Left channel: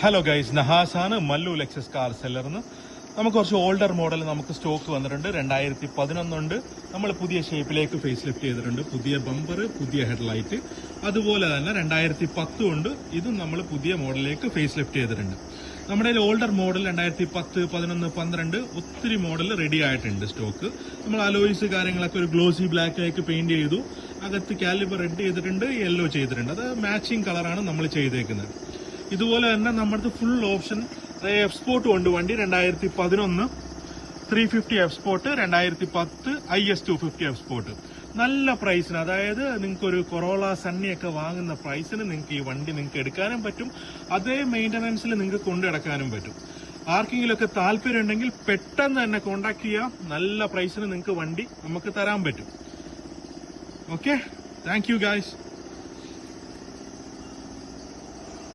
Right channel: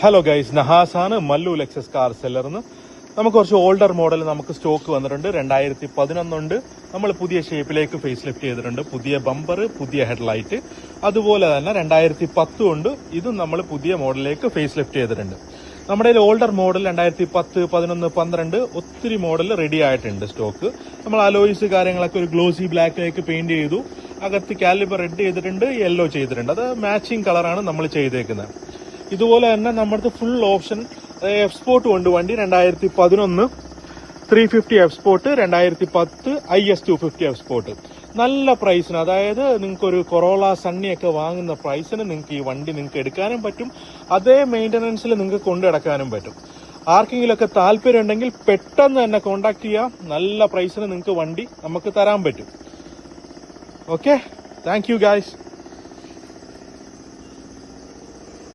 Hello guys, നഹാസാണ് Mallu Lexus car സെല്ലർന്ന്. നമുക്ക് കുറച്ച് ഓൾഡർ മോഡൽ നമുക്ക് സ്റ്റോക്ക് വന്നിട്ടുണ്ട്. 2011 ഉണ്ട്. നമ്മൾ പുതിയ ഷേപ്പിലേക്ക് ഫേസ് ലിഫ്റ്റ് ചെയ്തിട്ടുണ്ട്. പുതിയ ബമ്പർ, പുതിയ ഹെഡ്ലൈറ്റ്. അതുപോലെ തന്നെ 2010 ഉണ്ട്. ഇതും നമ്മൾ പുതിയ മോഡലിലേക്ക് ഫേസ് ലിഫ്റ്റ് ചെയ്തിട്ടുണ്ട്. നമ്മുടെ ഓൾഡർ മോഡൽ 2010, 11, 12 ഒത്തിരി മോഡൽ റെഡി ആയിട്ടുണ്ട് സ്റ്റോക്ക്. നമ്മൾ അലോയ്സ് കാര്യങ്ങളൊക്കെ ഒരു ഗ്ലോസി ബ്ലാക്കിലേക്ക് പെയിന്റ് ചെയ്തു. അകത്ത് കാലിബർ റെഡ് ചെയ്തിട്ടുണ്ട്, യെല്ലോ ചെയ്തിട്ടുണ്ട്. അത് മാച്ചിങ് കളറാണ് നമ്മൾ ചെയ്തേക്കുന്നത്. ഇതുപോലെ തന്നെ നമ്മുടെ ഫുൾ ഓപ്ഷൻ എക്സ്പോർട്ട് ഉണ്ട് വണ്ടി. 2011 350 എക്സ്പോർട്ട്, 2010 IS 250 എക്സ്പോർട്ട്. നല്ല പ്രൈസിന്, അതായത് നിങ്ങൾക്ക് ഒരു കൊറോള സണ്ണിയൊക്കെ വാങ്ങുന്ന പ്രൈസിന് നിങ്ങൾക്ക് ഈ വണ്ടി നിങ്ങൾക്ക് എടുക്കാനും പറ്റും. അതേ മെയിന്റനൻസിൽ നിങ്ങൾക്ക് കൊണ്ടുനടക്കാനും പറ്റും. ആർക്കെങ്കിലൊക്കെ താല്പര്യം ഉണ്ടെങ്കിൽ പെട്ടെന്ന് തന്നെ കോണ്ടാക്ട് ചെയ്യാം. നല്ല പ്രൈസിന് നിങ്ങൾക്ക് വണ്ടി നമുക്ക് തരാൻ പറ്റും. Okay, thank you guys.